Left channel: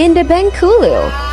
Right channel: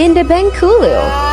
in the Bengkulu.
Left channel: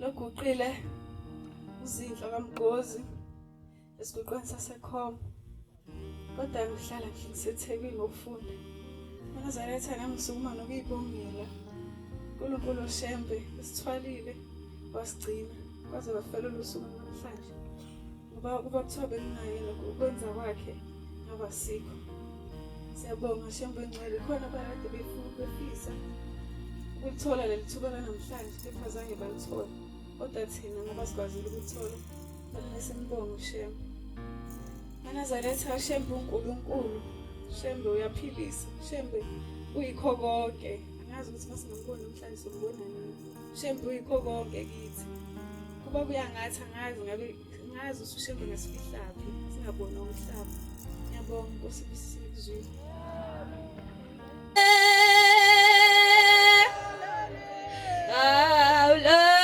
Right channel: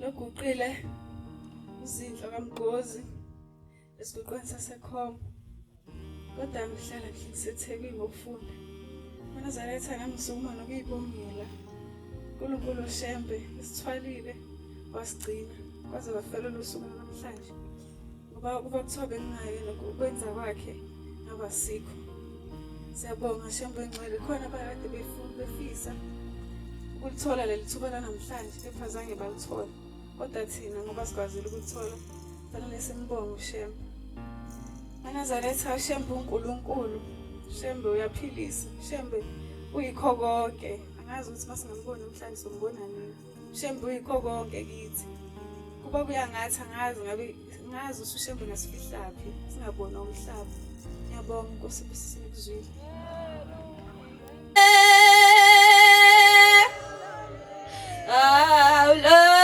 Loguqile uzinhlo kaMgozi esiqoqweni sasekhoma kodwa ngihlala ngisethekwini ngokufunda uNazaretha ngisukuma nokuyibongela uNkulunkulu oshembe isithwalile wasigcina kwaze wafela usuku namhlanje ngoba kuba kuthiwa bengaye nokwenza kwakhe ngabasikho. Siyabonga shembe ngcwele khona abakade befisa ukuthola leli thuba lanamhlanje kepha zange balithola kodwa thina ngoba sikwazile ukuthola fanele simbonge ushembe. uNazaretha shembe uNkulunkulu shembe uyaphilisa shembe uyikho konke angazi ukuthi masingamboni namhlanje sombona nini shembe uyikho konke kithi kuba kuyangathi ngazi ushembe ngasifihlaphi singabona umhlaba. Ngiyabonga Nkosi sikuzwile. Hello.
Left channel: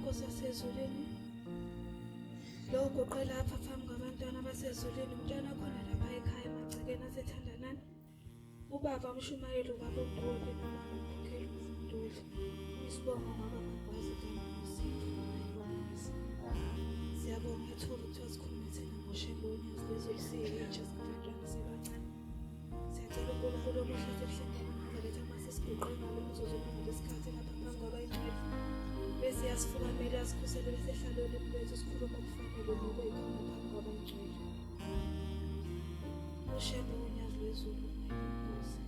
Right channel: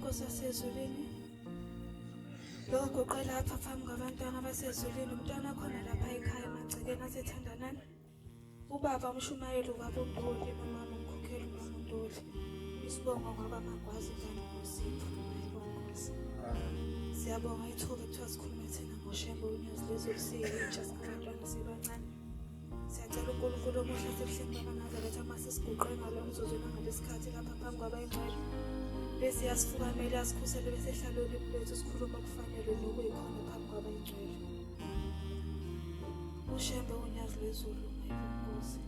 Nkosi yasezulwini. Lo goqela apha phambi kwabantwana abasezulwini, umntwana khona lapha ekhaya emagcekeni asethandanani. Ubaba umshumayeli ubaba uNtuli nomama umkhokheli uNtuli. Isibongo ngoba bangakwazi Nkosi. Siyabonga ithuba kuthiwa sikhulume thina ngoShembe uNyazi lezolusiyintsha singabantwana sibancane. Siyacela uNkulunkulu omuhle asebuhleni bamaNazaretha uma sesiguqe ngalo mzuzu nangalesi-sikhathi lapha phambi kwabayingcwele. Bese yasifukamela asikhusele bese ehlala olimi lwethu sikhuluma okufanele nokuyikhona phambi kwabayingcwele. uShembe uNyazi lezulu Nkosi.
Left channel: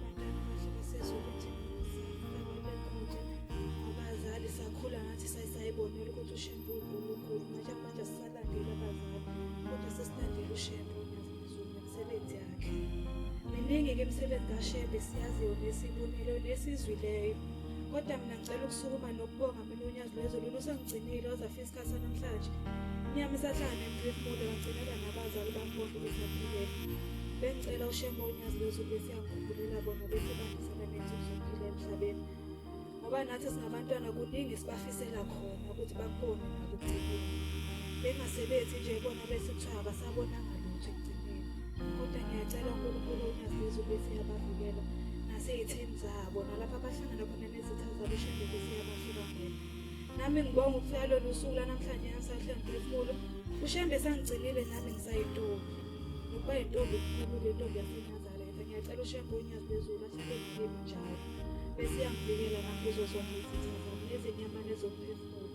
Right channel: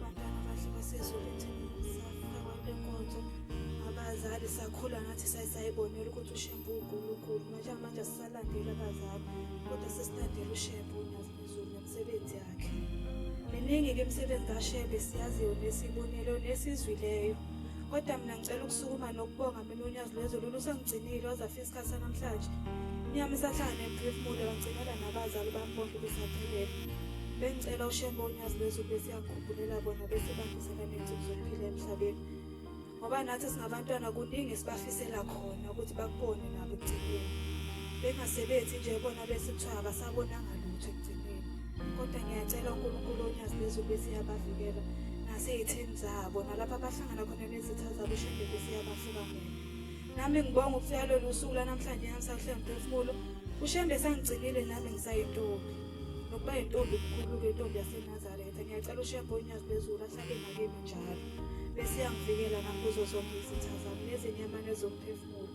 Bantwana bahle basezulu ethini siyafika kwenkonzo. Abazali sakhula nathi sayibonela ukuthi uShembe uNkulunkulu. Manje asisalandeli abazali kodwa sesilandela uShembe uNyazi lezulu nemisebenzi yakhe. Miningi-ke imisebenzi kaShembe siyaziyo nesibonile nesizwileyo. Kodwa mina ngicela ukusukuma nokubonga mina uNyazi lwezulu usangigcinile wazafika isikhathi sanamhlanje. Inyama isahlala nemphefumulo wangcinela nabazali bami bonke besaphilela. Bengicela uShembe uNyazi lwezulu besiyangikhumbula bona bese bangisela nensuku zokuphila emhlabeni. Ngoba nathi singabantwana kuningi sibafisela khona ukuthi bakubone nabo ekugcineni. Bengasebenzi nje bona bese kuthiwa abasabonanga lutho ekugcineni. Kodwa ngiyacela uNkulunkulu uNyazi lwezulu besiyabavikela nasey'theni zabo nalapho abahlangana khona nezitha zabo uShembe besiyabahlukanela. Nami ngibonga ukufika lolu suku lanamhlanje ngisahle ngiphefumulo. uShembe sangigcinile nami ngisayintombi. Nokuba yintombi kukhulu intombi yaseNazaretha. Ngiyacela uShembe uNyazi lwezulu ahlale ngakimi njalo. Bese yangivikela nami kuzo zonke izitha zami nezinyamane zomphefumulo.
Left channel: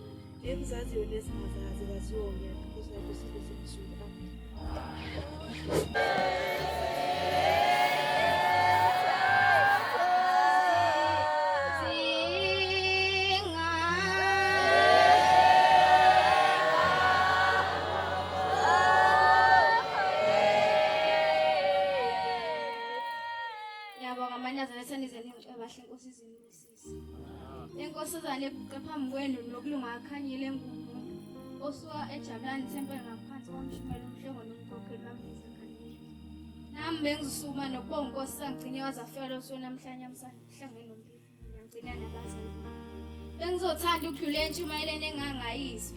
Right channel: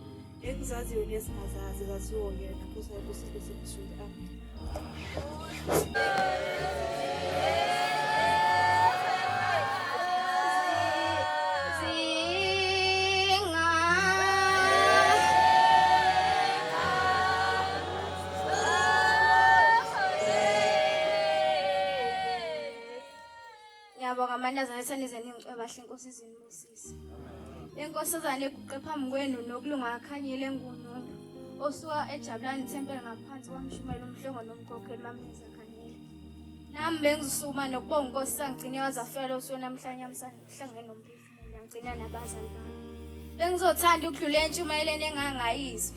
Engizaziyo nezingazazi zaziwo yena. Nkosi yami usile semzulu. Amen. Amantombazane nizeni ngicwebahle Nkosi izinibusise. Inkosazane eguqe phambi kwenu nokulunga akhanyile engunono. Osuka eJabulani Thempele ngaphansi kwamshumayeli umhlongo nomkhokheli bambiza khanyile. Nami bengizisukuma nokubonga Nkosi sangigcine wazafela osuku namhlanje amhlangene nomphefumulo ngigcina nabazali bami. Bengizothanda ukudlula entshumayeleni engangayizwa.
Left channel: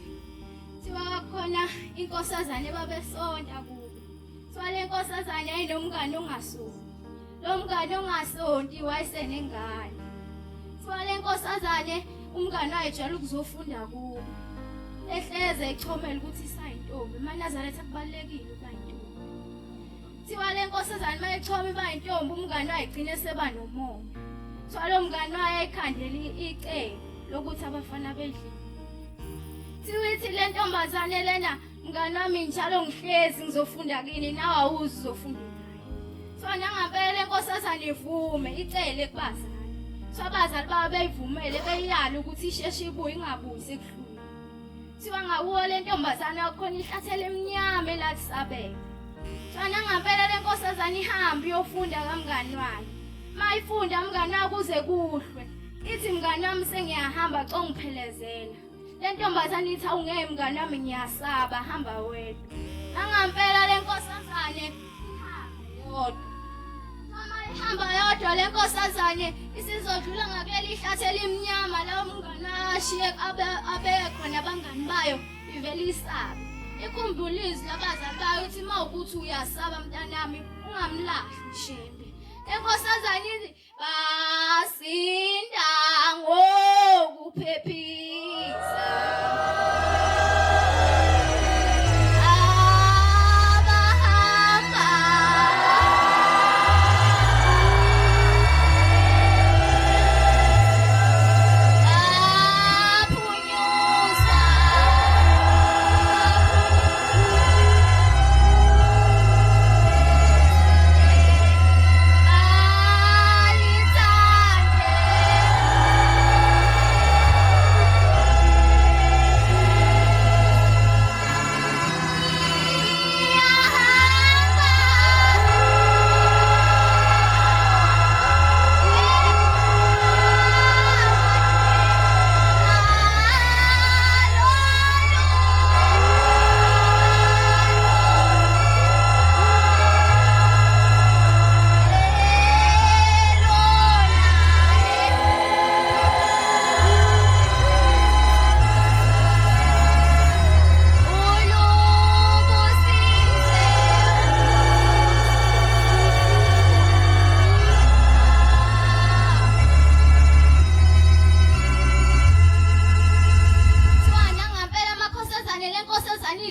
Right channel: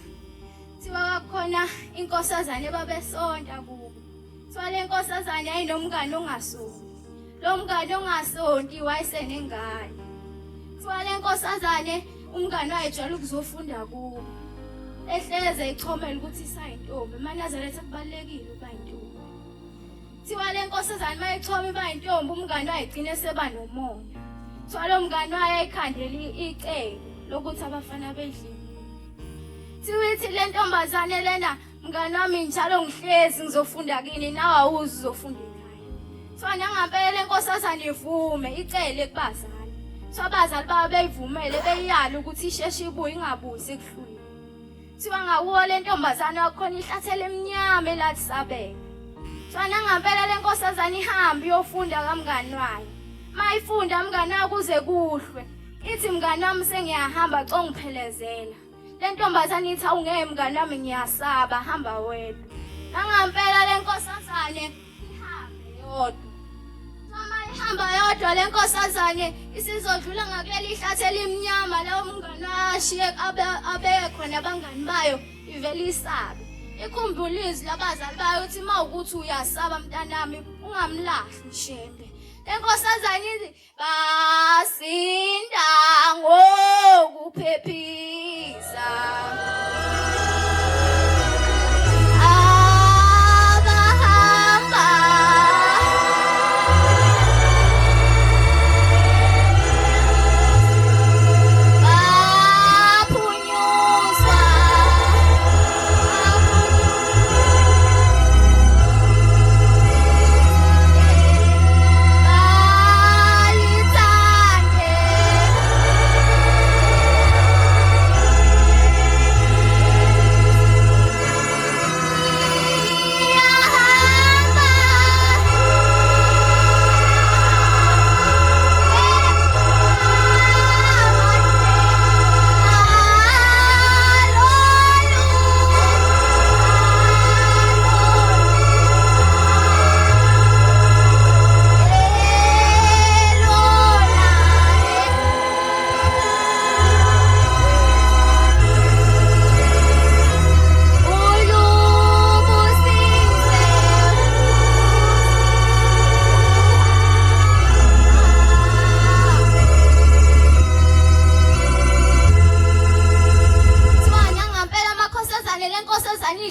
Thiwa khona inkosazane babesonta kubo. Thiwa le nkosazane ayinomngane ongasuki. Lo mngane ongasonti wayesenengane. Thiwa le nkosazane umngane wayejwayele ukuzofunda kubo. Ehleze ichomela ukuthi isayintombi. eMaNazaretha kubalekile ukuba yintombi. Thiwa le nkosazane mayichoma iba yintombi umngane wayegcina seba nomoya. Thiwa lo mngane wayekhandela icebo lokuthi abafana bedlile. Thiwa ithi le ntombazane lena mngane wami njalo ngihlezi ngizofunda kini nawe awuzi uzofunda. Thiwa nangampela le nkosazane ivume icele kubazali. Thiwa abazali babo beyivumele beyiyala ukuthi isheshe ibuye ingabuyi sekuhlule. Thiwa ngakuwo le ntombazane wakhona ihlathele emnyama elathi sabela. Thiwa nangampela le nkosazane ihambe iyofunda kamngane wayo. Mayifunda mngane wayo kuze kuhlwe. Ithi mngane wami sengiyahamba congiphelezela. Le ntombazane ithi awungeke mngane wami ngiyasaba hamba wedwa. Nangampela le nkosazane ihambe yodwa. Hamba yodwa le nkosazane isizodlula ngakuleli ihlathele imnyama lawo mngane ashiye abekho nabangani bayo ivele isabe. Ikhumbule izwi labazali bayo ukuthi mawukuthi uyasaba mntanami ungamlahli uShembe. Le nkosazane ithi basinda ngokuphephisa.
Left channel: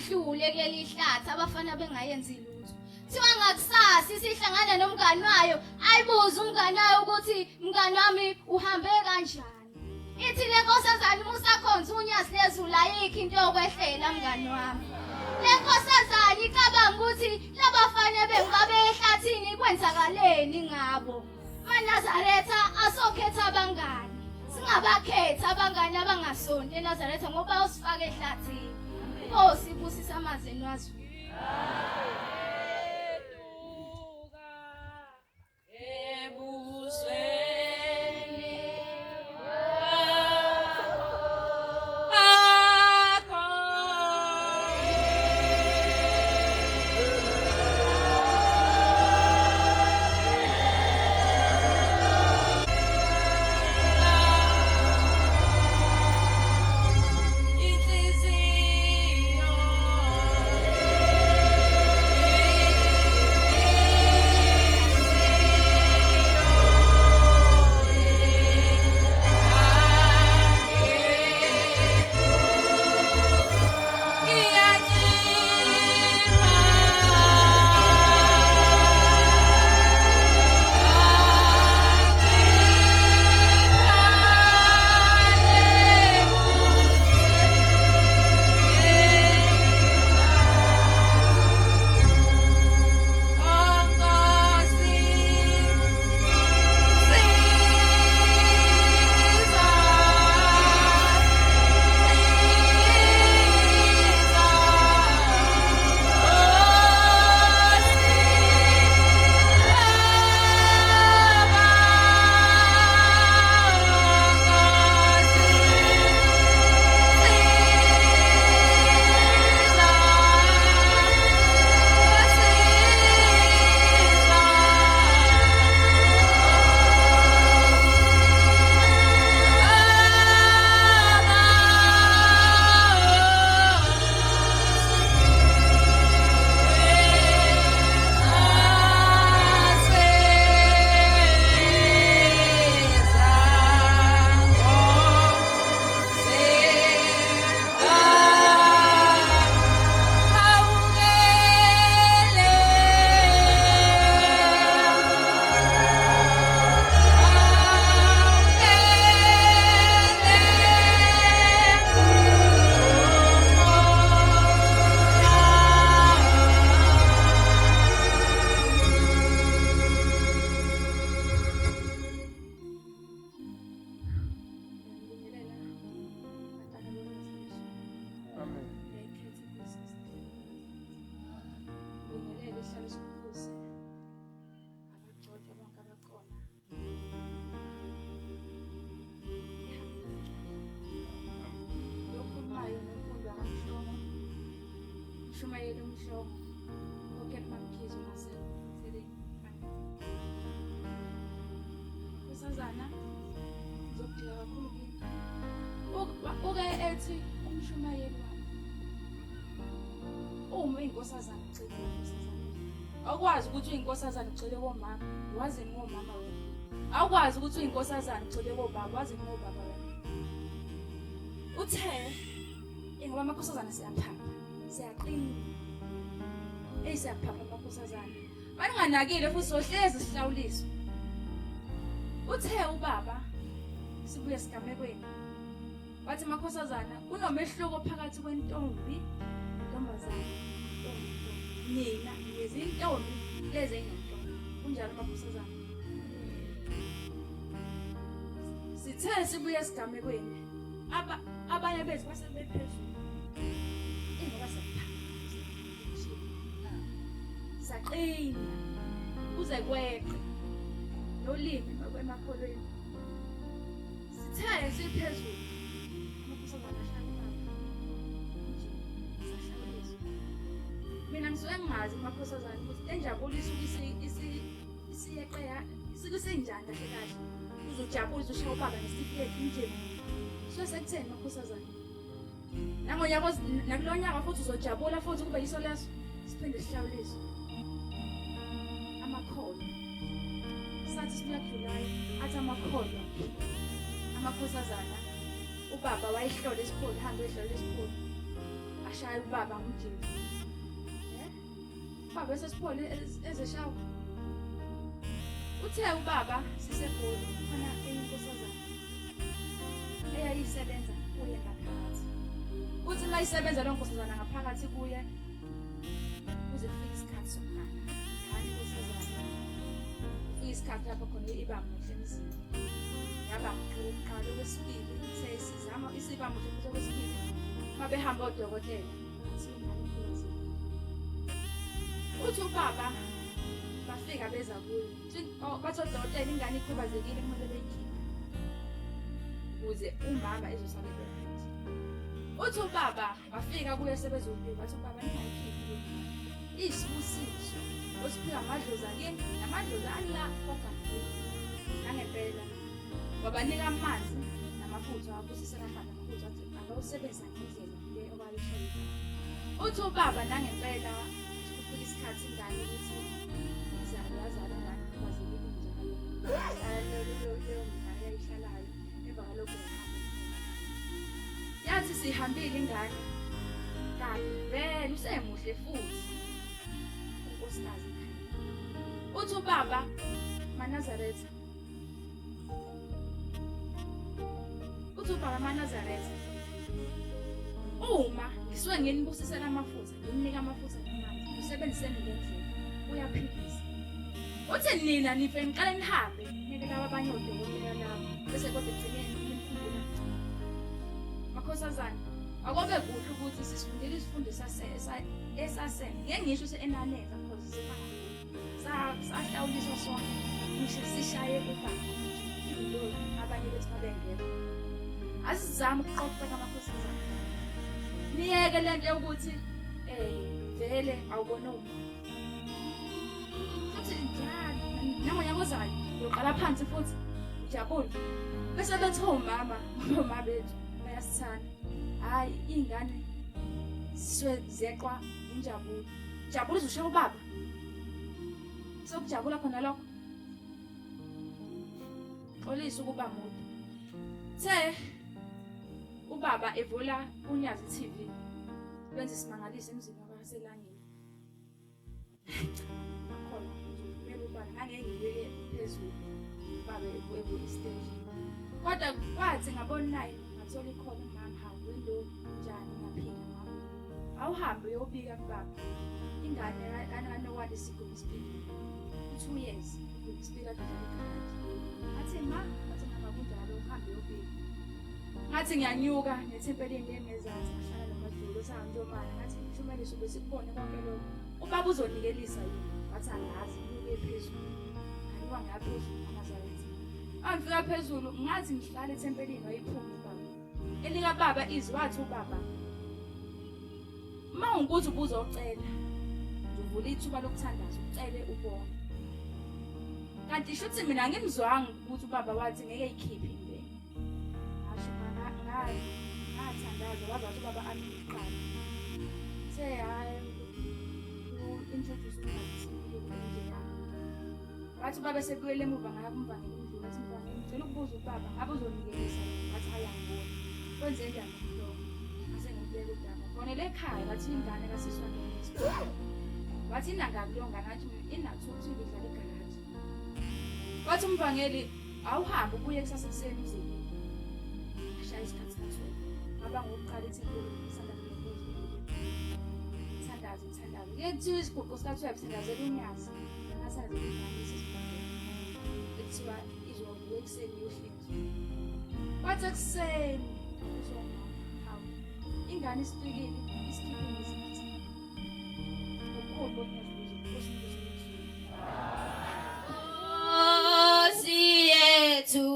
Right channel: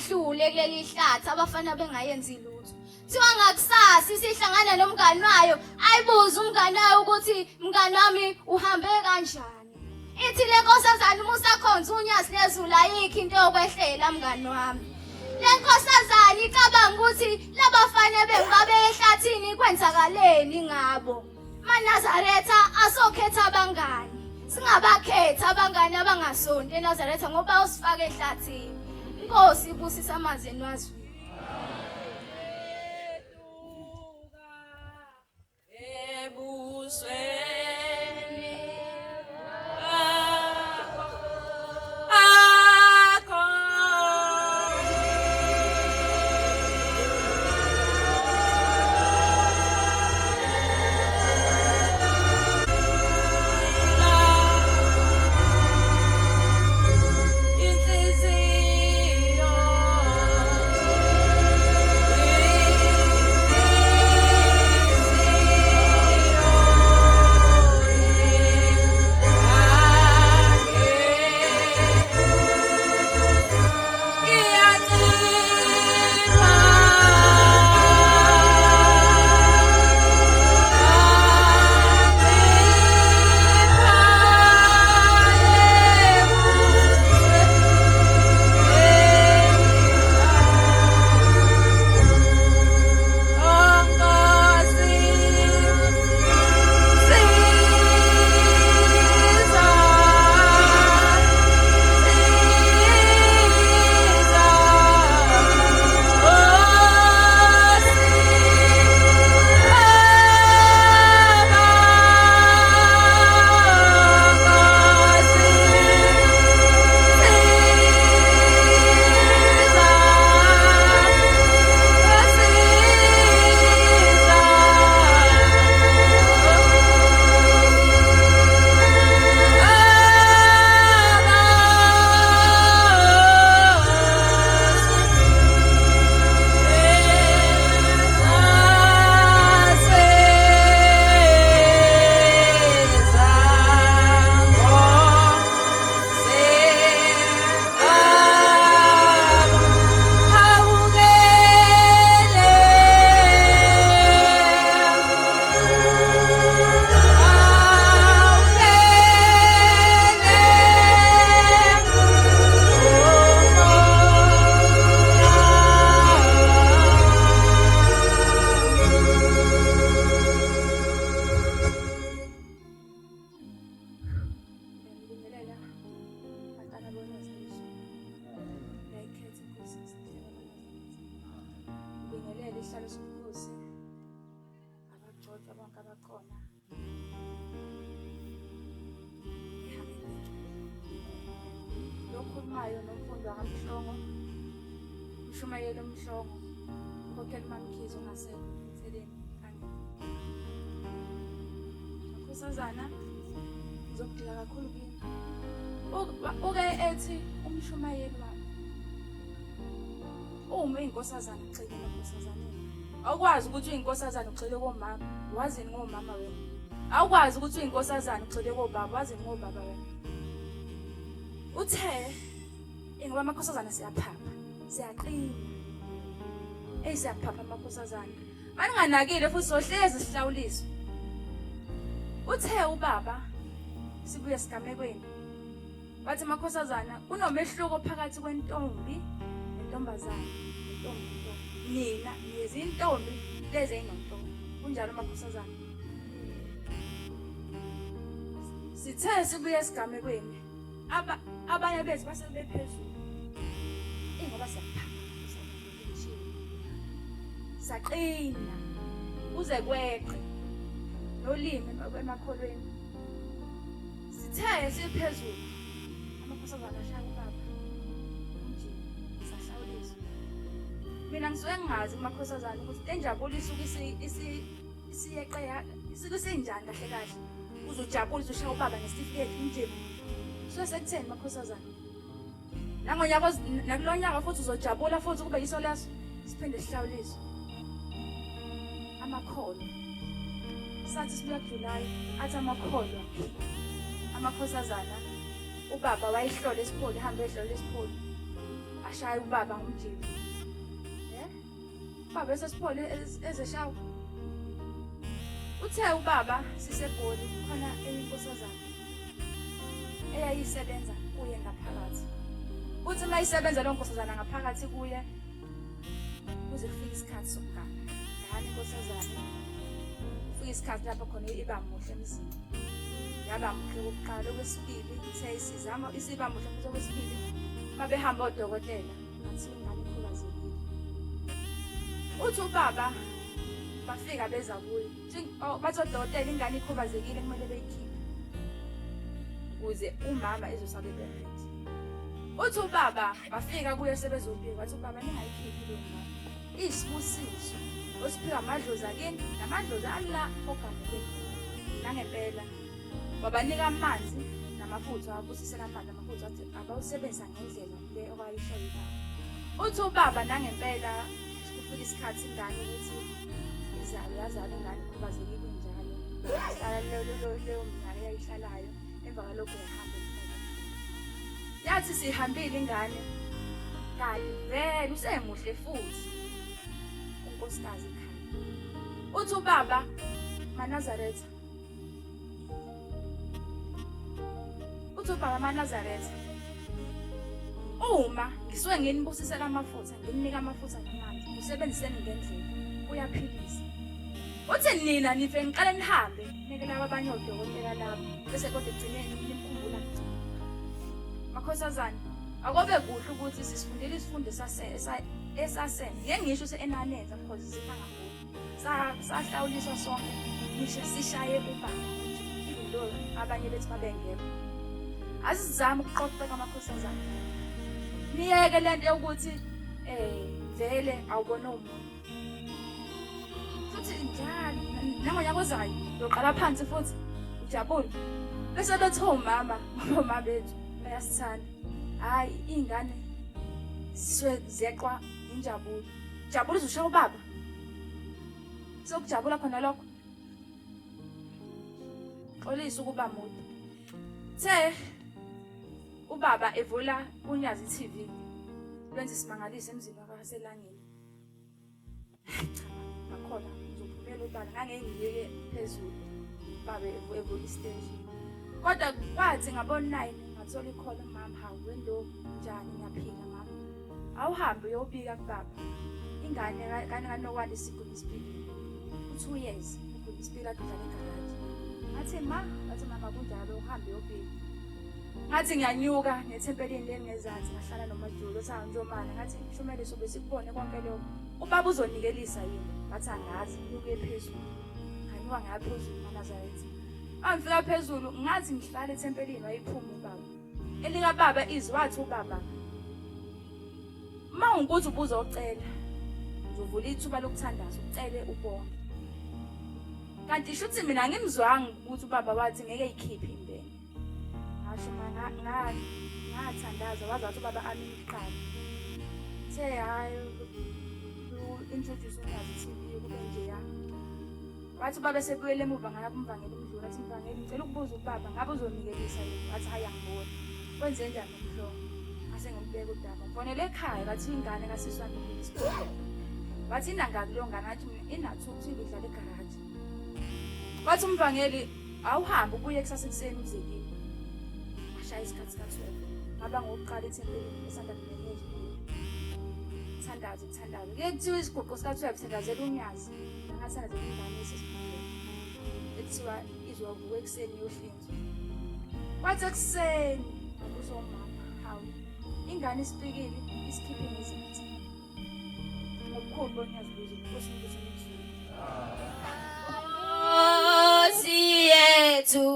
bayihlule kuleli hlathi abafana bengayenzi lutho. Thiwa ngakusasa sihlangana nomngani wayo ayibuza umngani wayo ukuthi mngani wami uhambe kanjani. Ithi le nkosazana uma usakhonza unyazi lezulu ayikho into yokwehlela mngani wami. Le nkosazana icabanga ukuthi labafana bengabe ehlathini kwenzakaleni ngabo. MaNazaretha asokhetha abangani. Singabakhetha abangani abangasonto eNazaretha ngoba usifaka ehlathini. Inkosi ibusisa amazeni wazulu. Isihlalo somkhosi abagcotha bonke abakhona. Lokhulumayo nomfundi wangamhlongo Mshumayeli umhlongo kokhela mamkhizo ngaseceleni kanti kusazana ngizokudila kakhulu kini uke ethi umshumayeli wami uma inkosazana ugxile enkosazaneni awukwazi ukuthi uyinkosazana ugxile komama wazini ngomama wena awukwazi ukuthi uyinkosazana ugxile kobaba wazini ngobaba wena uthe ngoba amakhosazana siyaphapha siyaqina siyaphapha amakhosazana baninganakile futhi sohlezi sihlawuliswa uthe ubaba sibuye sigamekweni bathi amakhosazana kunomehluko phakathi kwentombi nentombazana mina ngizintombi lezi ezinomntombi kunjalo amakhosazana sithe sibuye sigamekweni abanye bethu basebephezulu ngoba siyaphapha saqina uze kweqe nolimi emakholweni sithe siphezulu amakhosazana ahlala baba nje sahlawuliswa mina ngisuke ngingazi amakhosazana ukuthi enjabulisa ukuthi isiyeqe sikusenjani kahle kahle uzojabulisa ushiya ubaba ngesitifiketi nje sekutheni amakhosazana nangonyaka nakulonyaka futhi uzojabula futhi kube yiso leso siphinde sihlawuliswe amakholo sathi sibuya kuJuly athi amakholo amakhosazana ubaba wayihlole isipholi hambe ehlola isipholi ashaya ubaba ngumjeni. Ubaba esesiphole ezeshawa. Uthe ubaba siseGoli khona eyinkosazana eyayisebenza kuye ngaphakathi. Uthi mayisebenza lo nkosazana ngaphakathi kuye kuze kufike isikhathi sokugana. Ngani inkosazana kufike isikhathi lapho khona iba muhle emzini. Yaba muhle okokuqala, okwesibili ithe isizama isiba muhle futhi okwesibili babehamba odokotela athi ingane ikhubazekile. Uthi ubaba bafika beza kuye bathi odokotela ingane ikhubazekile kumele beyikhiphe ukuze umama ezosabe bephethe. Uthi ubaba bafika kuye sebezobika bathi ubaba ningayikhiphi le ngane isibusiso osiphiwa amadlozi akini namadlozi ala ogamulweni nangempela wabanika amanzi namafutha abusisela amanzi namafutha athi abawusebenzisa ngendlela le okwayishayisa. Uthi ubaba nangempela kufika isikhathi ingane ukuthi izale yazale ingane ikhubazekile njalo leyo minyaka eyayihlalayo emva kwalokho yahamba yathi sihambile ingane kanti vele usemuhle futhi unkosikazi ekhaya. Uthi ubaba Manazaretha uma ngisuke nginibusisela amafutha ngininika amafutha ngemali usebenziseni ngendlela uyaphilisa. Uthi nina nife niqale nihambe nike laba abanye odokotela labo bese kodwa egcineni nimkhumbula mgcina. Makhosazana akobe kuhle ukuthi sisifundile isifundo esasene ngengisho enaneza because sifanga sahlawuliswa sonke ngisho sishaye ubaba lo abanye bethu babengekho. Asizame ukuqoqa kwamakhosazana niyeke lento yokuthi vele awubona umuntu futhi njalo nangonyaka ozayo uyoqala phansi futhi ujabule bese bethi omama ngomama bethu bayasithanda hayi ingane zeqwa injabulo jabula uzoshaya ubaba sokujabula khona lokho xolisa ukuba mude. The ubaba evula Unyazi TV lwenza isimangalise emzini wakaSelangeni. Nakhona uzophumela ubala ngangengiyeke phezulu babe evula istage. Kodwa kwathi ngabona 9 ngathola ikhola mama hawu wendo njani ngaphika mama. Awuhambe uyobika kubaba. Ingane kananokwanda isiguli isibili. 2 years iguli isibili adudlana igaraji. Ngathi mama kunjalo uhambe uyobika. Ngathi ngiyanyuka nethempelini lengezansi ngahlala noMajulo sahambe njomana ngathi Shumeliso besikubone konke lokho ubaba uzonikelisa yini ngathi angazi nyuke phezulu nganyuka ngaphezulu Manazaretha angifika phezulu ngathi ngihlala ethempelini wayiphuma ubaba elika baba izwathi ubaba mawungukuthi ubuzocela ngizovula ithuba lokuthandaza ucele ubone kanti shuthi mina ngimzwanga ukuthi ubaba wathi ngeke ikhiphe impela ngathandaza wazathi ubaba amini iqala say hayi introduce Unyazi TV kube njeya wathi ubaba sebuyele emuva ngaya kumvangeli umdlula athi mvangeli ngicela ukubuza ubaba ngabe uzonikelisa yini wathi hayi angiboni kwenze njani nomhlobo ngase ngimbeka udaba fonele ekhaya bathi ingane kaSiswani ngesikole wathi inanga kuleyo ngane athi inathukuthi idlala egaraji wathi umvangeli awuhambe ubuye kusasa ekuseni umzekile isikhathi sikhathi ngaba ngokuqala ethempelini esanda kunenyezi thandaza kuthiwa isigubhu sika-12 sendazela Unyazi nangasazela ingane esesifundeni ekuthiwa izovuka ekuseni yohlinzwa kwathi ekuseni akusho umama hawu ingane isipikile isikhiphe ngezinti ngobukhulu boNyazi buze Nkosi Nkosi yethu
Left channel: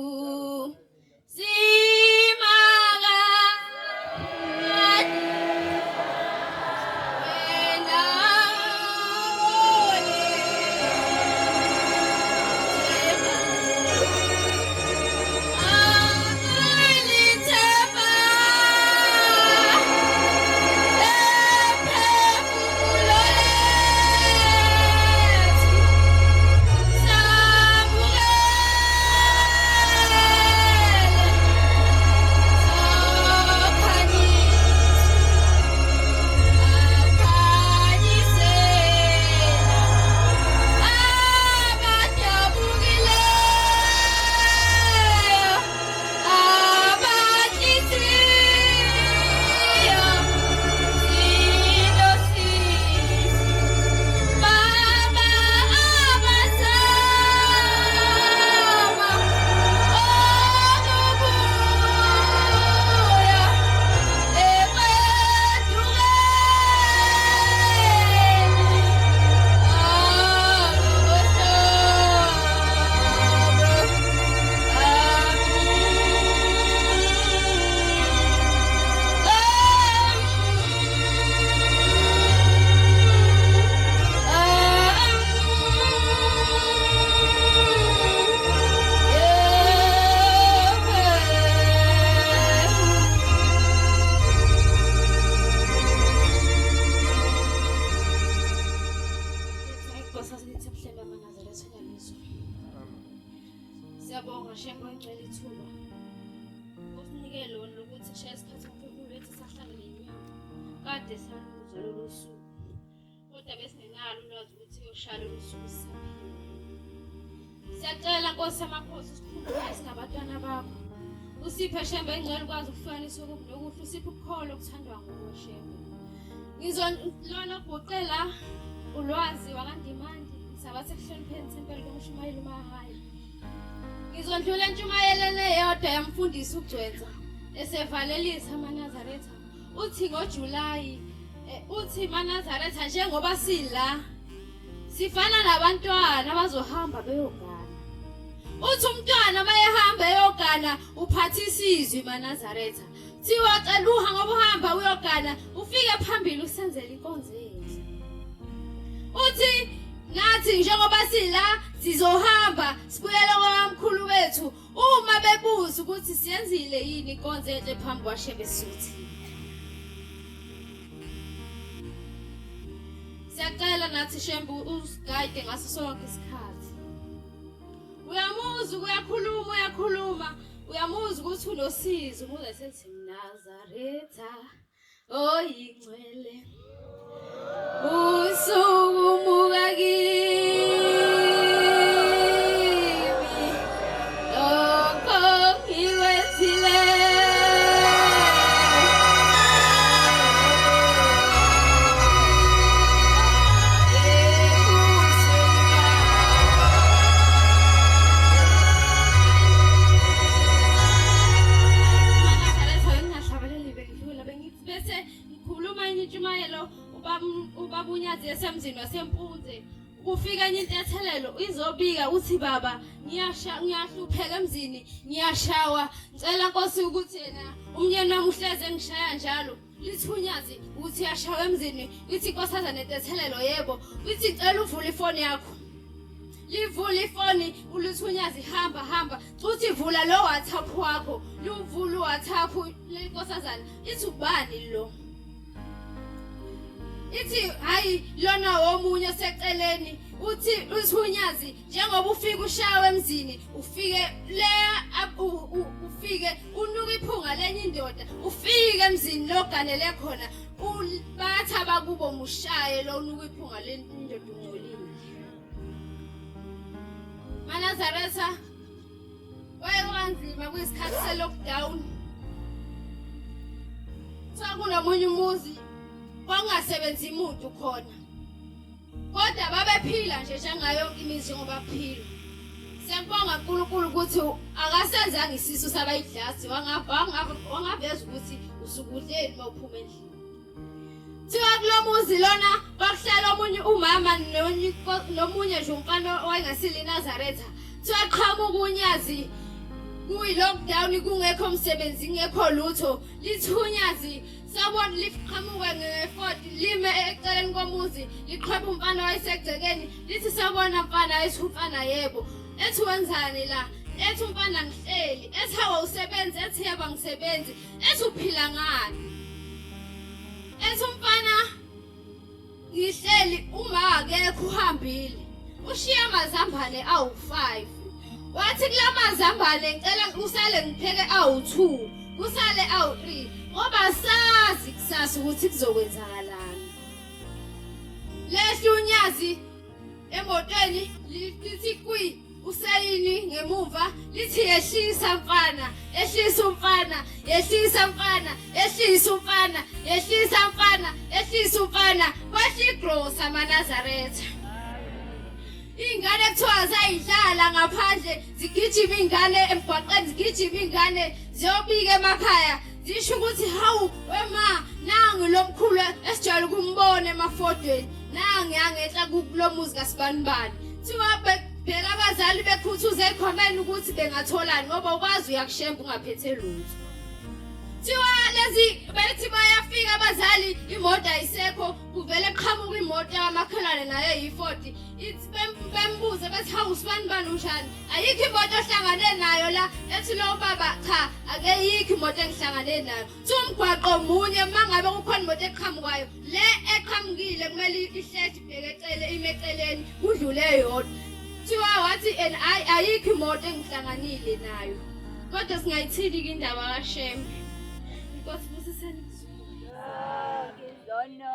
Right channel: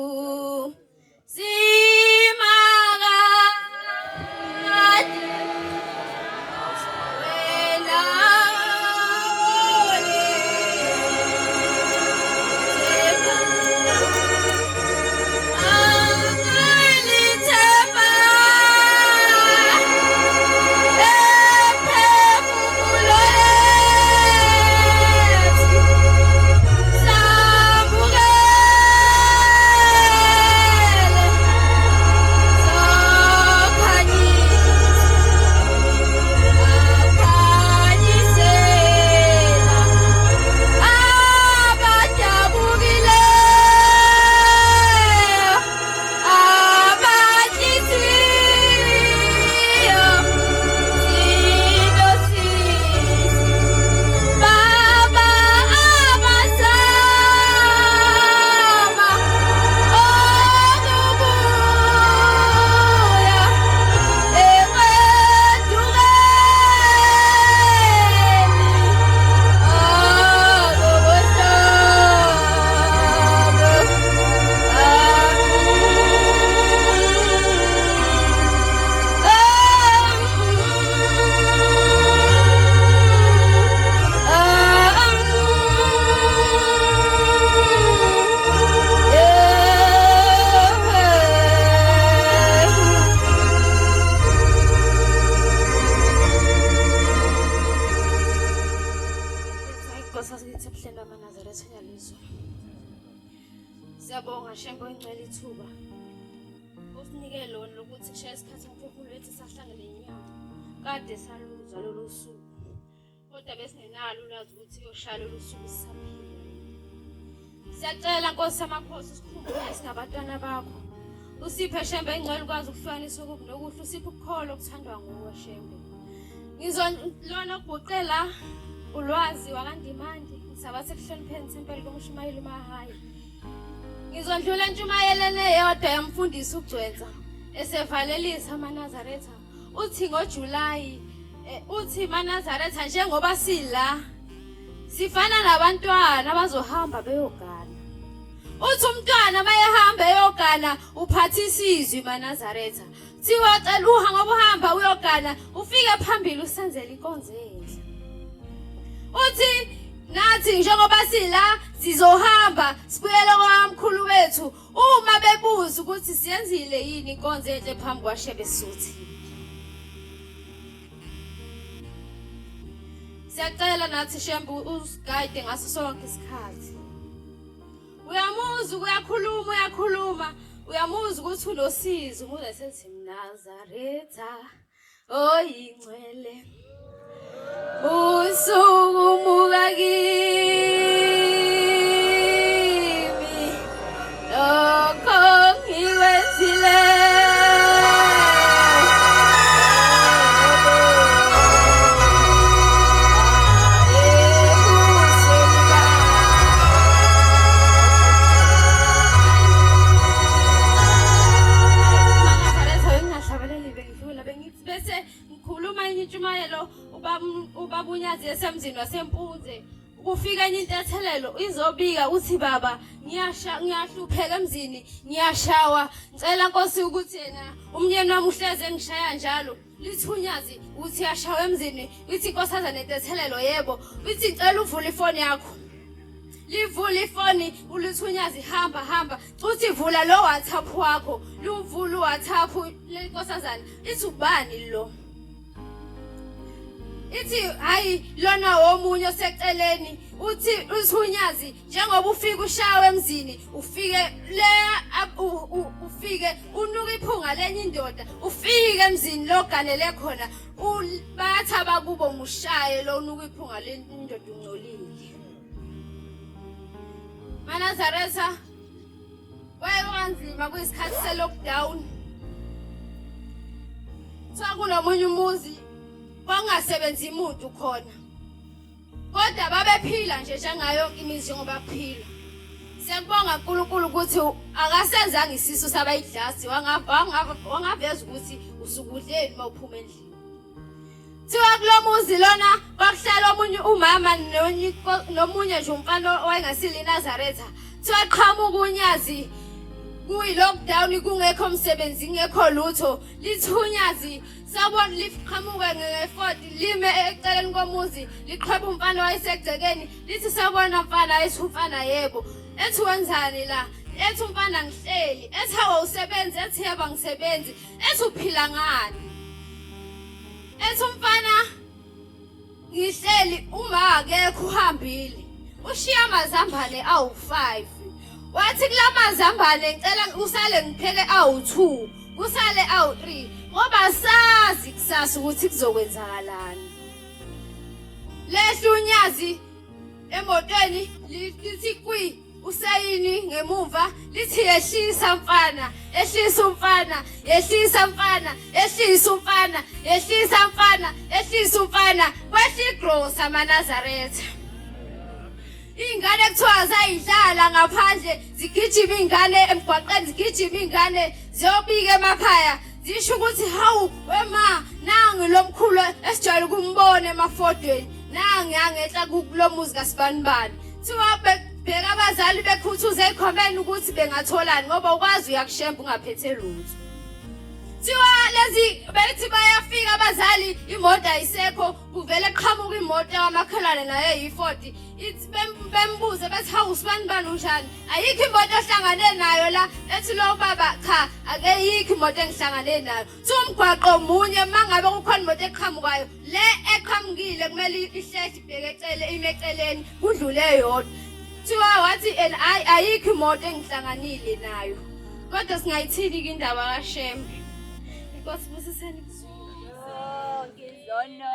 Siyabonga Shembe ngicela ithuba. Usinike lona lokuthi kushaye isikhathi umphefumulo wethu sahlangene inyama. Kade saluzwa lolu suku. Kodwa besingenalo ulwazi ukuthi yoshaya lolu suku sisaphila. Siyacela Nkosi yamakhosi sikhumbule singabantwana bakho. Usiphe Shembe ingcwele ukwazi ukuhlukanisa okubi nokuhle, usiphe ukukholo okuthandwa nguwe Shembe. Ngizolona ukuguqela ulwazi wakandimandi ngisabathe kuhlonipheni thempeli komshumayeli Mahaya. Ngizondlula entshumayelene yodwa yamfundisi uGcwensa esevalelisa amaNazaretha. Uthi ngoJulayi uthi maNazaretha njengoba sila sifana nabantwana bazohamba beyogana. Uthi umntwana mayehamba eyogana uphathisa izwi maNazaretha. Thiwa cela uhambe uhamba uyogana ufike phambili usenzele inkonzo enhle. Uthi nathi njengoba sila sizohamba sibuyele kwamkhulu wethu uma bebuza ukuthi siyenzile yini inkonzo enhle phambi kwaShebe Suthi. Siyacela nathi Shembe usigayide ngaso sonke isikhathi. Uyamuzwa uyakhuluma uyamuzwa ukuthi unosizo umuze sethi Nazaretha oyingcwele usukumuka kimi lokho ngiwenzile. Ubabunyazi esemzini wasempunze ukufika enye intethelelo izobika uthi baba ngiyahlupheka emzini ngiyashawa ngicela Nkosi ukuthi yena umnyeni wami uhleze engishaya njalo lithunyazi uthi yashawa emzini uthi Nkosazana intethelelo yebo uthi ngicela uvule ifoni yakho livula ifoni ulithunyazi hamba uthi vula lo WhatsApp wakho luvula uWhatsApp leNkosazana ithi ubani lo. Ithi hayi lona womunye oseceleni uthi uthunyazi njengoba ufika ushawe emzini ufike ufike unuka iphunga lenye indoda ufike emzini loganele khona batha bakubo mushaye lo unuka iphunga lenye indoda ungcolile. maNazaretha wayekanzima kuyisikhathi se-lockdown. Sakunomunye umuzi kwangasebenzi umuntu khona. Kodwa babephila nje njengayo imizi ngoba phila. Siyabonga uNkulunkulu ukuthi akasenzanga isisu sabayidlasi wangaveza ukuthi usukudleni mawuphuma endlini. Thiwa kulomuzi lona kwakuhlala omunye umama nomunye nje umfana owayengasili Nazaretha. Thiwa qhamuka unyazi kuyi-lockdown kungekho umsebenzi kungekho lutho lithunyazi sabona liqhamuke nge-40 lime eceleni komuzi liqhweba umfana wayesegcekeni lithi sabona mfana ethi umfana yebo ethi wenzani la ethi umfana ngihleli ethi awusebenzi ethi yebo ngisebenzi ethi uphila ngani ethi umfana ngihleli uma akekho uhambile ushiya amazambane awu5 wathi kulamazambane ngicela usale ngipheke awu2 kusale awu3 ngoba sazi kusasa ukuthi kuzokwenzakalani. Lehlunyazi emotweni lithi kwi usayini ngemuva lithi yehlisa mfana ehlisa umfana yehlisa mfana ehlisa umfana yehlisa mfana ehlisa umfana kwehligrosa maNazaretha. Ingane kuthiwa zayidlala ngaphandle zigijima ingane emgwaqeni zigijima ingane ziyobika emakhaya zisho ukuthi hawu wema nangi lomkhulu esijwayele ukumbona emafodweni nangi angehla kulomuzi kaSibanibani. Thiwa bheka abazali bekhuthuza ekhomeni ukuthi bengatholani ngoba ukwazi uyakushemba ungaphethe lutho. Thiwa lezi bethi bayafika abazali imoto ayisekho kuvele qhamuka imoto yamakhelwane nayo yi40 ithi bembuze bethi hawu Sibanibani unjani ayikho imoto ohlangane nayo la ethi lo baba cha akeyikho imoto engihlangane nayo umgwaqo munye mangabe kukhona imoto eqhamukayo le eqhamukile kumele ihlezi ibheke ime eceleni kudlule yodwa. kuthiwa wathi ayikho imoto engihlanganile nayo. Kodwa singayithini ke indaba kaShembe? Inkosi busiseni kuzulu. Ngizono.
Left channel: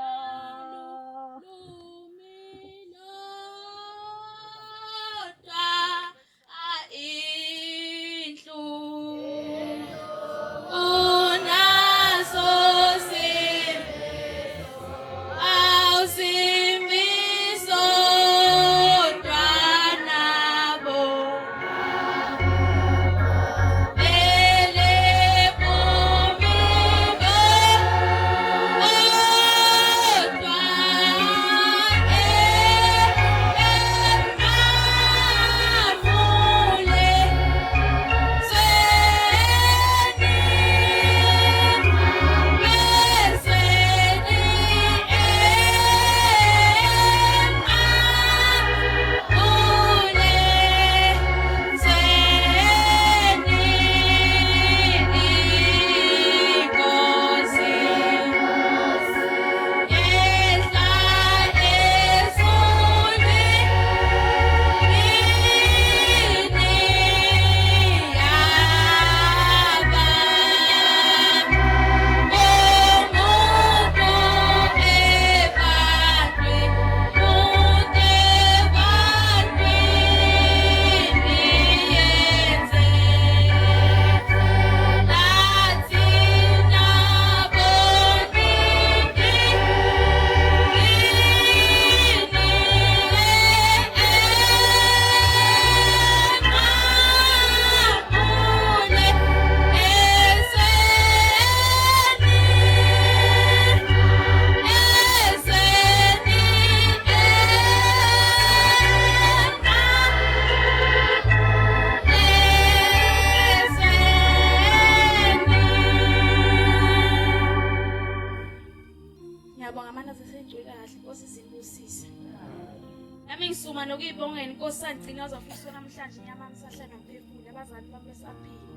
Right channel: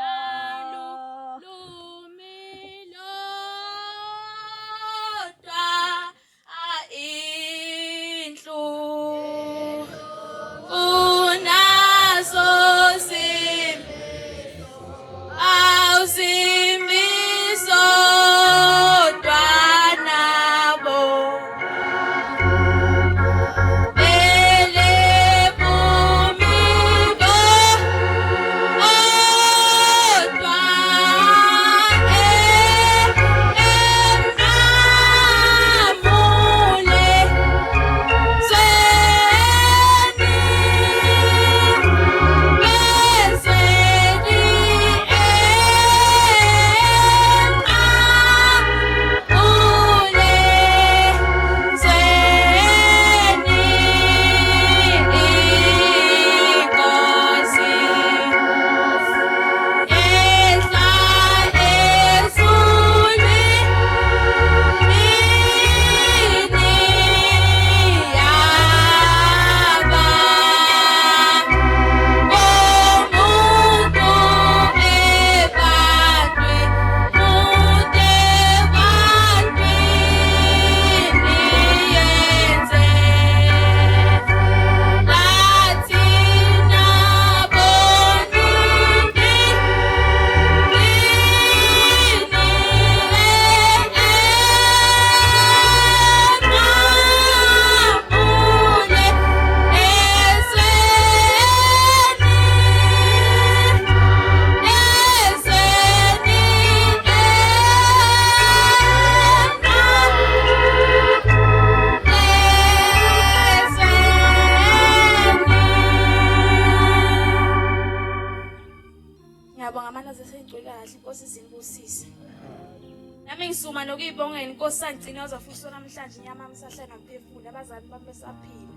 Ngisuma nokuyibongela inkosi sangcina uzofisa namhlanje inyama amsahlala nomphefumulo abazali bami besaphila.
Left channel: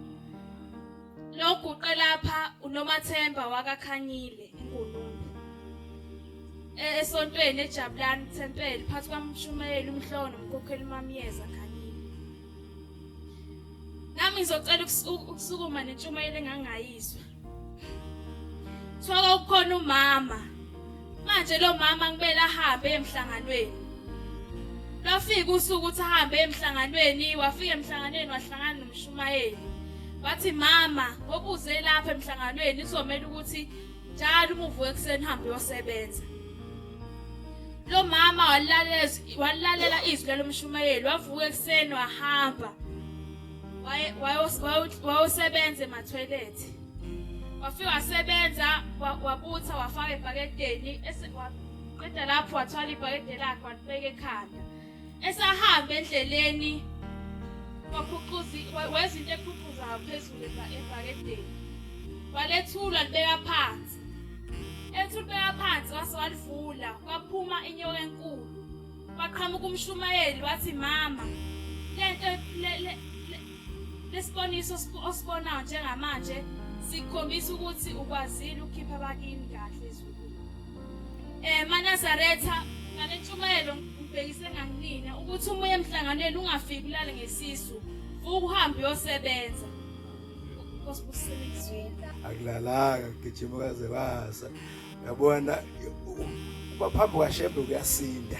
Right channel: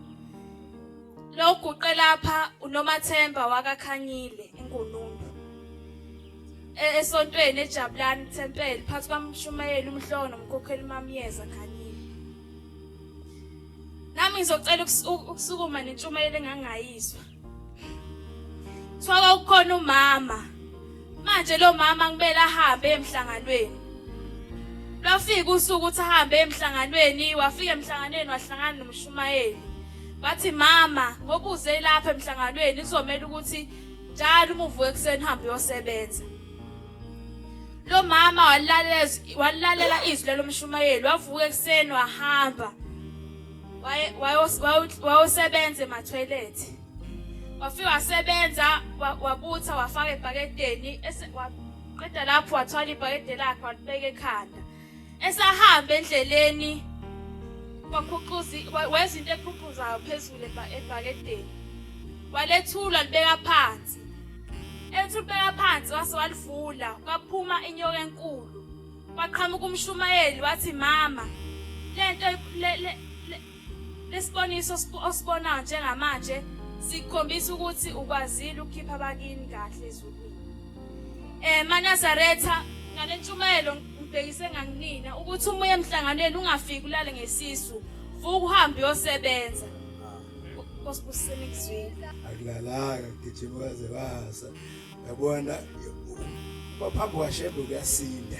Lo guqe lapha uNomathemba wakaKhanyile eNgulumbu. Esontweni eJabulani Thempeli phansi kwaMshumayeli umhloko nomkhokheli uMamiyeza Khanyile. Nami ngizocela ukusukuma nentshumayelo engangayizwa. Swaka ukhona umama. Manje lo mama ngibela ahambe emhlanganweni. Lafika usuku uthi ahambe emhlanganweni, wafika emhlanganweni wahlangana noMshumayeli. Bathi mama, ngoba uze lapha emhlanganweni izomela ukuthi njalo uma uvuka ekseni hambe uyosebenza. Lo mama walalela izwi loMshumayeli, wavuka ekseni wahamba. Wayosebenza ema-toilet. Wafika wasebenza, wabutha wafaka ebhakedeni, waqeda lapho wathwala ibhakede lakhe walibeka ekhanda. Esahamba endleleni wezinto eqhuqhuzayo phezulu ebhakedeni. Walethula libeka phansi. Ethi ubeka phansi wase walivula, kwaphuma inyoka enkulu. Waqhamuka uMshumayeli wathi mama, lento lesiboniso osibonayo njengamanje sikhombisa ukuthi ukwazile ukukhipha abakini kahle ezulwini. MaNazaretha ngalentshumayelo ngibhekise nganginina ukuthi uma emhlanganweni ungafiki ulale ngesisu, vuka uhambe uyosebenza. Nkosibusiseni ekuzwini. Akulalanga gijima kaze basa. Yabona baphambi kwaShembe kuyasinda.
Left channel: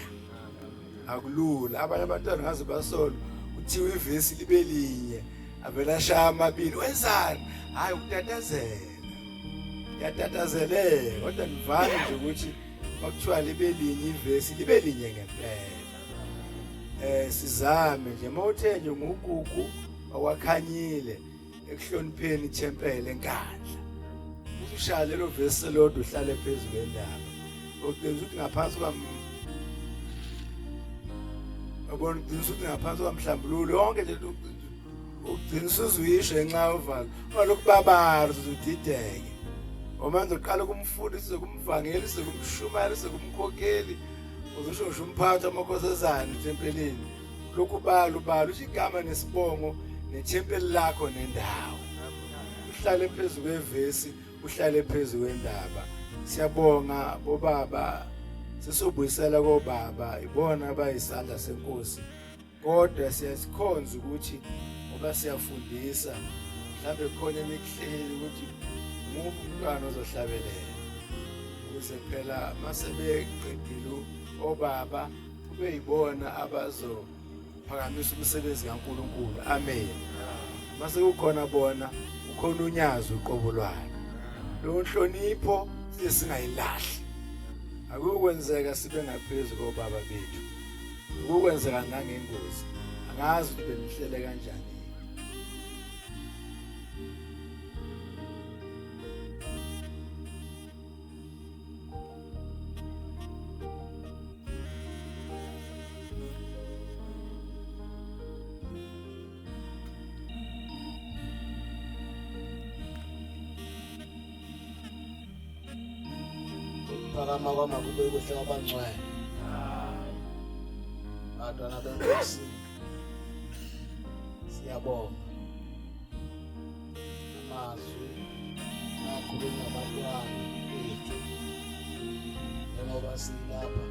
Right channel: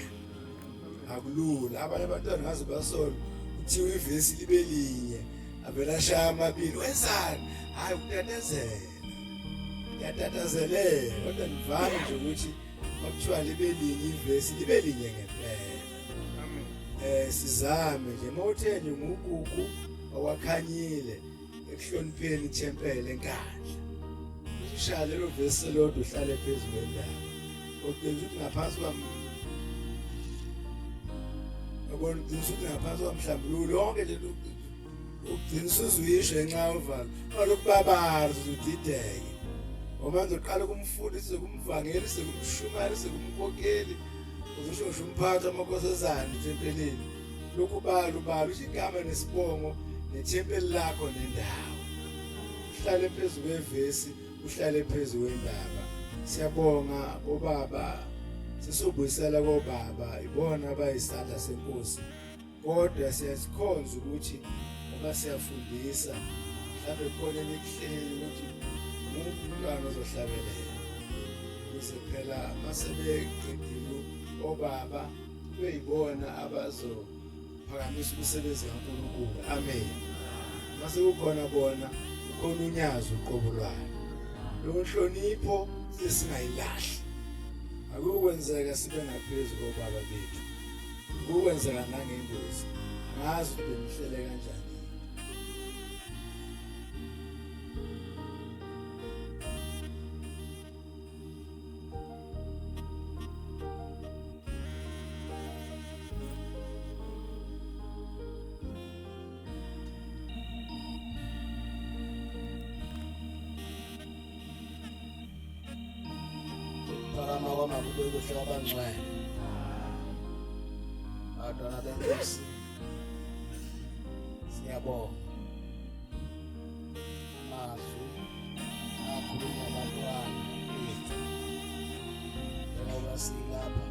Akulula abanye abantwana ngaze basona uthiwe ivesi libe linye avela shaya amabili wenzani hayi ukutatazela yatatazele kodwa ngivame nje ukuthi bakuthiwa libe linye ivesi libe linye ngempela. Sizame nje mawuthele ngugugu awakhanyile ekuhlonipheni ithempeli enkandla. Ushaya lelo vesi lodwa uhlale phezulu kwendaba. Okwenza ukuthi ngaphansi yabona ukuthi ngaphansi kwamhlambululo yonke le nto ugcina usuzuyisho enxa uvalo olokubabara uzudideke ngoba ngizoqala ukumfundisa kumvangeli sekumshumayela sekumkhokheli uzosho umphatha amakhosazana ethempelini lokhu balo igama nesibongo nethempeli lakho nendawo uhlale phezulu kwevesi uhlale phezulu kwendaba. Siyabonga bobaba sesobuyisela kobaba ibona abayisandla senkosi kodwa siyasikhonza ukuthi ngoba siyafundisa mhlawumbe khona ekuhleleni ukuthi umuntu umntwana ozohlabelela ukuze phela masebeqedile obaba kube yibona abazophakamisa umsebenzi kaNkulunkulu. Amen. Mase kukhona bona ukhona unyazo uqobo lwalo. Lo nhlonipho singayilahli. Akukwenzeka sibe ngaphezulu kobaba bethu. Ukukwenzeka nangengozi. Angazi ukuthi benihlele kanjani. Phakama kwama kube kuhle kwabangcwele. Abantwana benkosi siyabonga. Amazwi akhuluma abantwana bethu. Njengoba silapha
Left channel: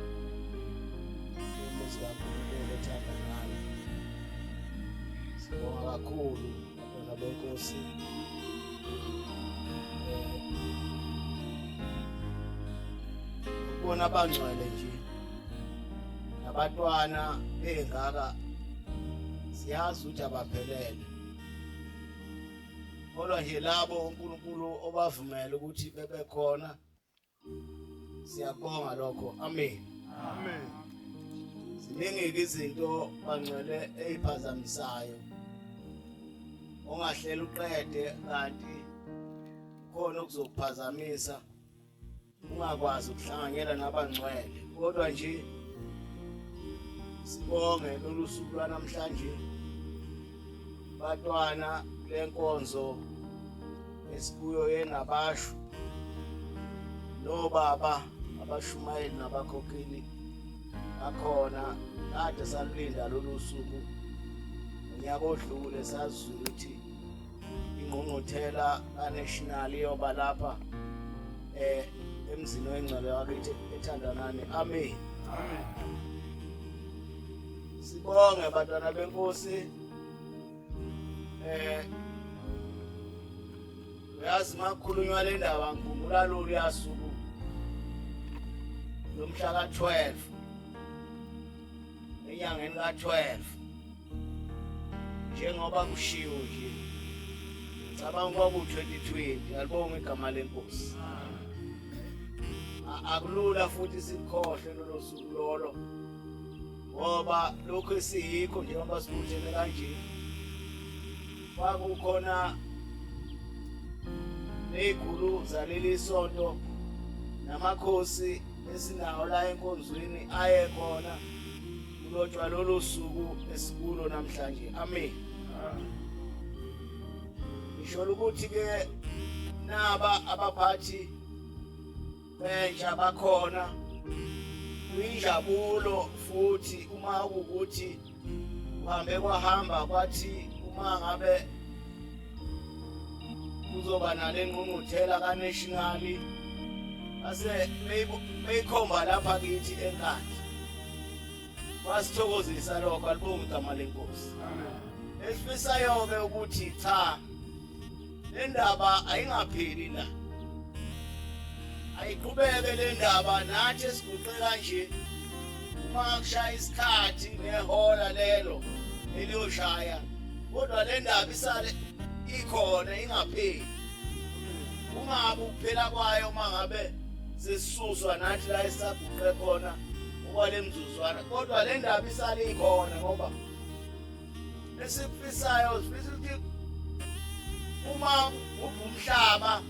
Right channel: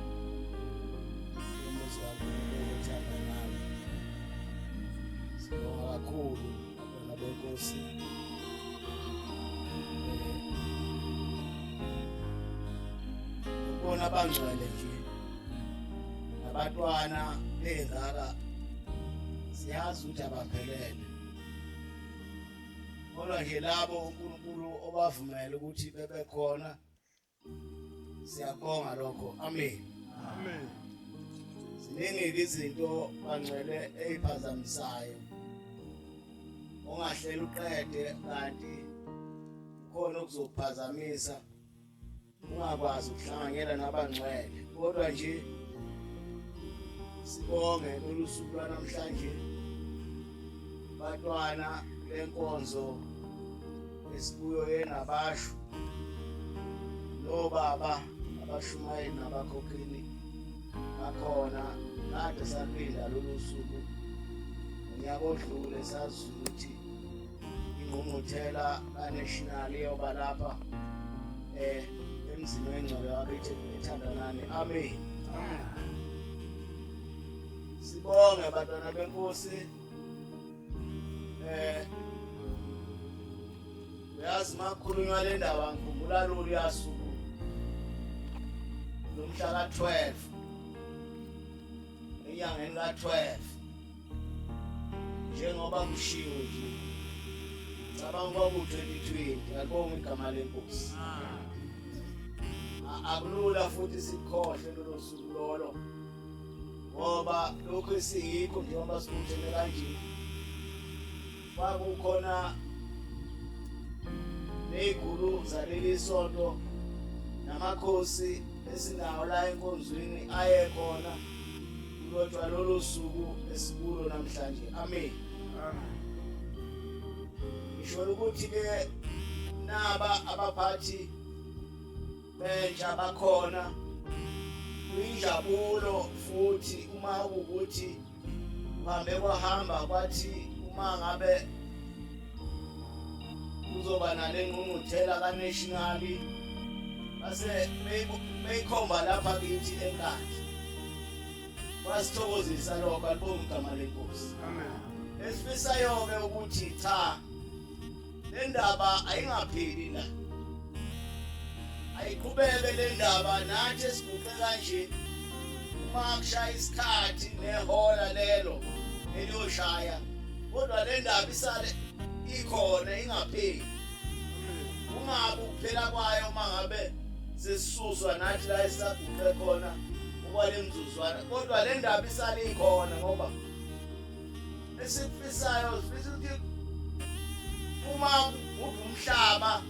umuzi kaNkulunkulu othanda nami. Sibonga kakhulu abantwana benkosi. Bona abangcwele nje abantwana engaka siyazi ukuthi abaphelele, kodwa nje labo uNkulunkulu obavumela ukuthi bebe khona siyabonga lokho. Amen. Amen. Ziningi izinto bangcwele eziphazamisayo ongahlela uqede kanti khona ukuzokuphazamisa ungakwazi ukuhlanganyela nabangcwele, kodwa nje sibonge lolu suku lwanamhlanje bantwana lenkonzo esibuyo yenabasho nobaba abashumayeli nabakhokheli nakhona kade salinda lolu suku unyaka odlule sazi ukuthi ingqungquthela kaNational yoba lapha emzini wengcwele yakithi ethandanani. Amen. Amen. Sibonge abantwana benkosi. Uyazi makhulunywa le ndaba ngikhumbula lolu yasuku lomhla ka-12 enyangeni ka-12 njengoba kushiwo nje cabanga kwaku-2020. Alibonge igama lenkosi. Akulula futhi sikhohle lolo suku lolo ngoba lokho esiyikho njengoba sikuthele kanje kwakukhona ney'gulu zaleli sonto namakhosi esinawo la enkonzweni ayekhona kulotshwa lolo suku esikulo namhlanje. Amen. Ngisho ukuthi-ke naba abaphathi bentsha bakhona kuyinjabulo futhi uma ukuthi uhambe kwahamba kwathi uma ngabe kuzoba nale ngqungquthela kaNational base beyikhomba lapha kithi enkandla kwasithokozisa lokho. Alibonge igama lenkosi. Amen. Esifisayo-ke ukuthi cha le ndaba ayingapheli la, ayiqhubeke le ndaba nathi esiguqe kanje uma kushaya isikhathi nehola lelo eliyoshaya, kodwa le ndaba isale ikhona ingapheli. Ungabi ukuphela kwayo uma ngabe sesisuswa nathi la esaguqe khona okwale mzuzwana, kodwa le ndaba isale ikhona ngoba esifisayo sifisa ukuthi uma umhlaba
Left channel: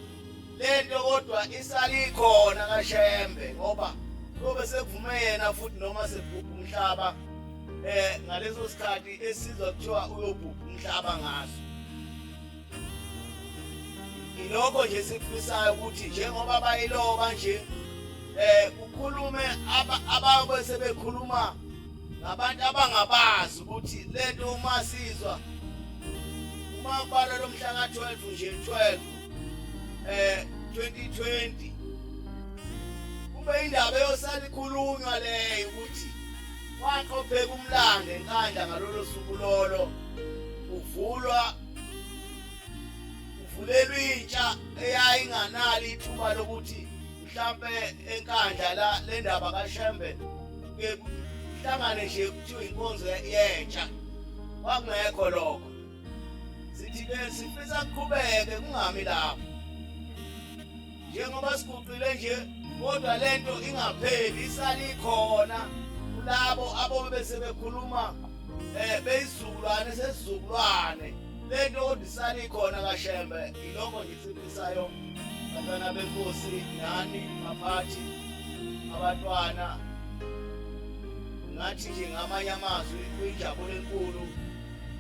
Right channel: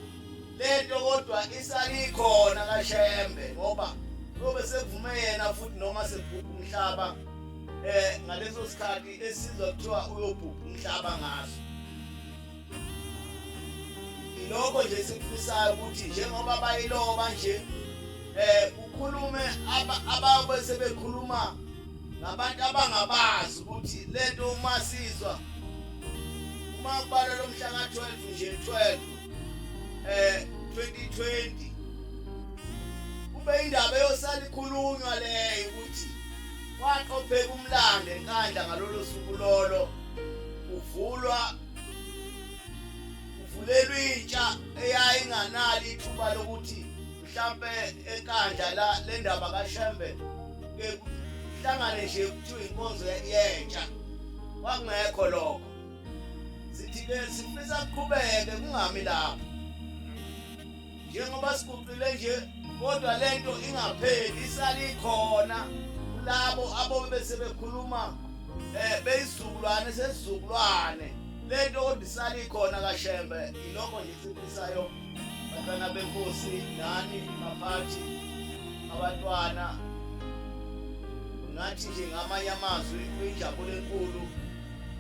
lento kodwa isali khona kaShembe ngoba lobe sekuvume yena futhi noma sebhubha umhlaba ngaleso sikhathi esizwa kuthiwa uyobhubha umhlaba ngaso. Ilokho nje sikufisayo ukuthi njengoba bayiloba nje ukhulume ababe sebekhuluma ngabantu abangabazi ukuthi lento uma sizwa uma kubala lo mhla ka-12 nje 12 2020 kube indaba yosala ikhulunywa leyo ukuthi waqopheka umlando enkandla ngalolo suku lolo uvulelwa intsha eyayinganali ithuba lokuthi mhlambe enkandla le ndaba kaShembe kuhlangane nje kuthiwa inkonzo yentsha kwakungekho lokho sithi-ke sifisa kuqhubeke kungami lapho njengoba siguqile nje kodwa lento ingapheli isali ikhona kulabo abo besebekhuluma beyisizukulwane sesizukulwane lento kodwa isali ikhona kaShembe ilokho nje sifisayo bantwana benkosi nani baphathi abantwana ngathi nje ngamanye amazwi kuyinjabulo enkulu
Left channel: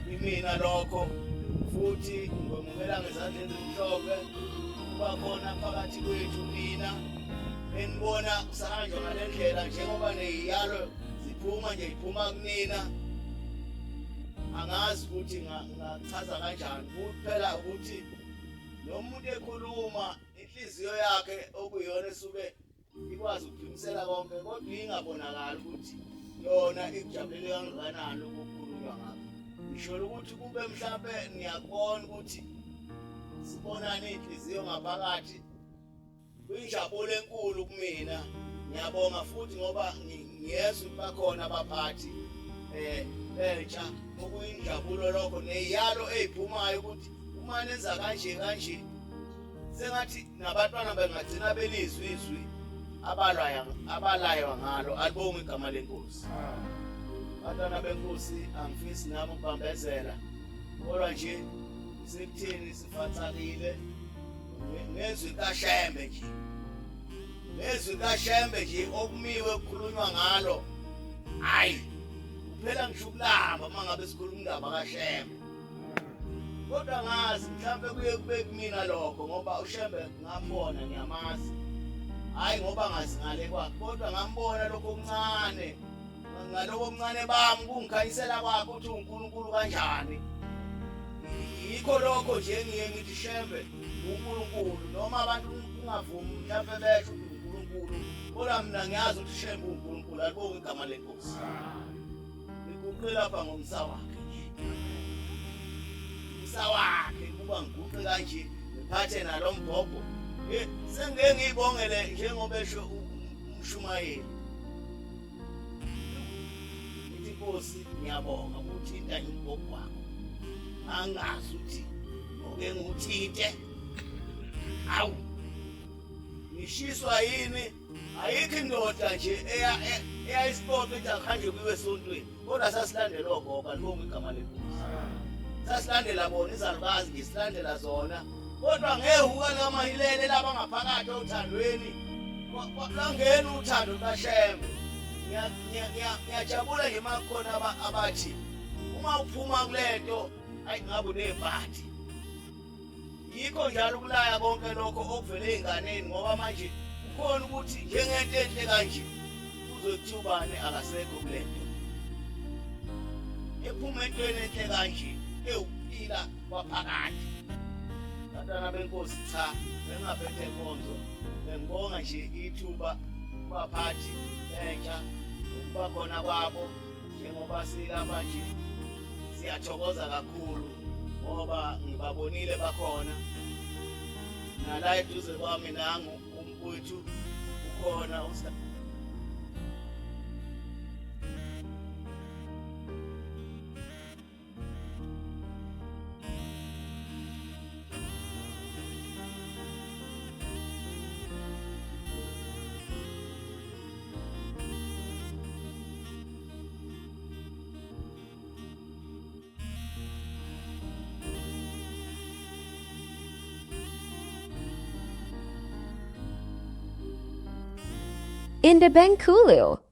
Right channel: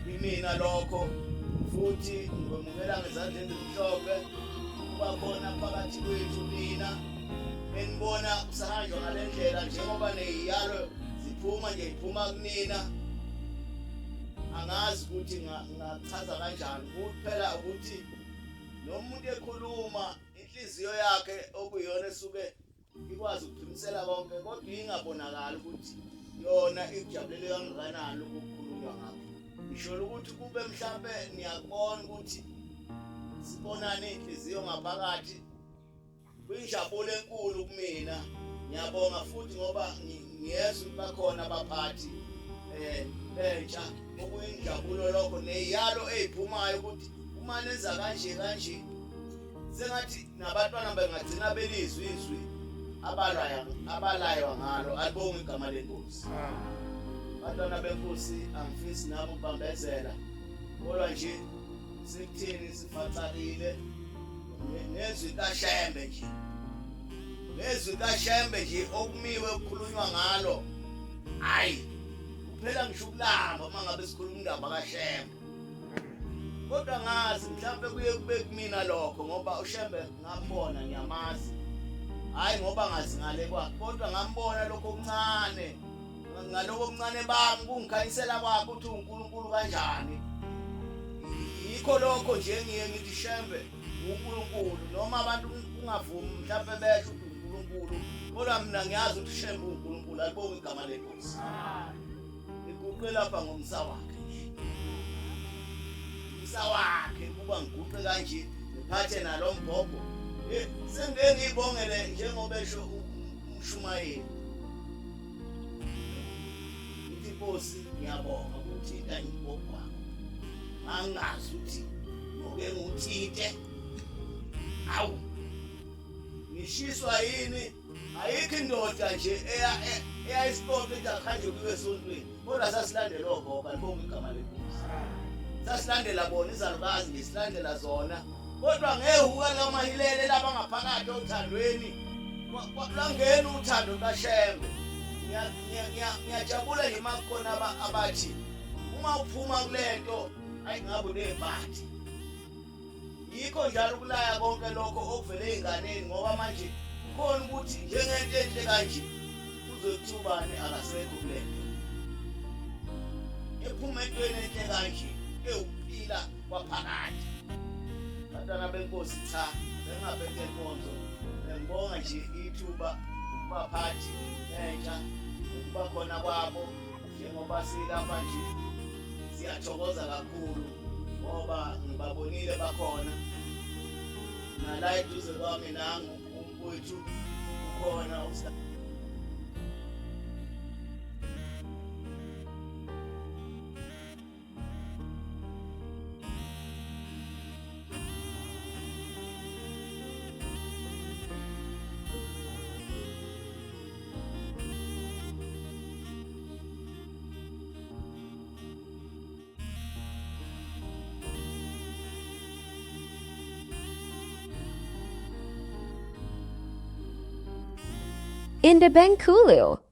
kimina lokho futhi ngomukela ngezandla ezimhlophe kuba khona phakathi kwethu nina enibona kusahanjwa ngale ndlela njengoba neziyalo ziphuma nje iphuma kunina angazi ukuthi ngachaza kanjani kuphela ukuthi nomuntu ekhuluma inhliziyo yakhe okuyona esuke ikwazi ukuphimisela konke kodwa ingabonakala ukuthi yona ikujabulele kangakanani ukukhulunywa ngakho ngisho ukuthi kube mhlambe niyakubona ukuthi sibonana inhliziyo ngaphakathi kuyinjabulo enkulu kumina ngiyabonga futhi ngoba ngiyezwa bakhona abaphathi entsha okuyinjabulo lokho neziyalo eziphumayo ukuthi uma nenza kanje sengathi nabantwana bengagcina belizwi izwi abalayo ngalo alibonga igama lenkosi abantwana benkosi angifisi nabo ukubambezela kodwa nje sekuthini sifatsakile nezwi kaShembe nje okumiwe ukukhulunywa ngalo hayi kuphela ngisho ukulamba uma ngabe sikhuluma indaba kaShembe kodwa ngazi mhlambe kuye kube kumina lokho ngoba uShembe ngambona ngiyamazi hayi ngoba ngazi ngale kwakhe kodwa ngambona lokho okuncane ngaloko okuncane bami kungikhanyisela kwakhe ukuthi uNkulunkulu kanjani yikho lokho nje ngiye ngithi Shembe uNkulunkulu noma abantu ungavumi mhlambe besho ukuthi uNkulunkulu kodwa mina ngiyazi ukuthi Shembe uNkulunkulu alibonga igama lenkosi iguqe lapha ngomsa wakhe wakhe kuba ngiguqe kanje ngiphathe nalombhobho sengeke ngiyibongele njengoba esho umshumayeli inkosi ngiyabonga ukuthinta imbhobho wakho angazi ukuthi ngoke nguthinte awu ngishiswa yini ayikho indoda nje eyayisiphoqa ukuthi akuhanje kuyiwe esontweni kodwa sasilandela ogogo alibonga igama lenkosi sasilandela bona izalukazi ngisilandela zona kodwa ngehuka likamahilele laba ngaphakathi othandweni langena uthando kaShembe ngiyajabula nje makukhona abathi uma uphuma kulento ayi ngabe uneziphathi yikho njalo ukulaya konke lokho okuvele einganeni ngoba manje ukhona ukuthi njengento enhle kanje uzothubane akasekho kulento ephuma entweni enhle kanje ukuphila kwaphakathi bantwana benkosi cha bengabeke inkonzo bengibonga nje ithuba kubaphathi entsha ukuba khona kwabo njengoba silapha nje siyathokoza kakhulu ngoba ngibabonile bakhona nala eduze kwami nangu umfowethu ukhona Indabenkulu.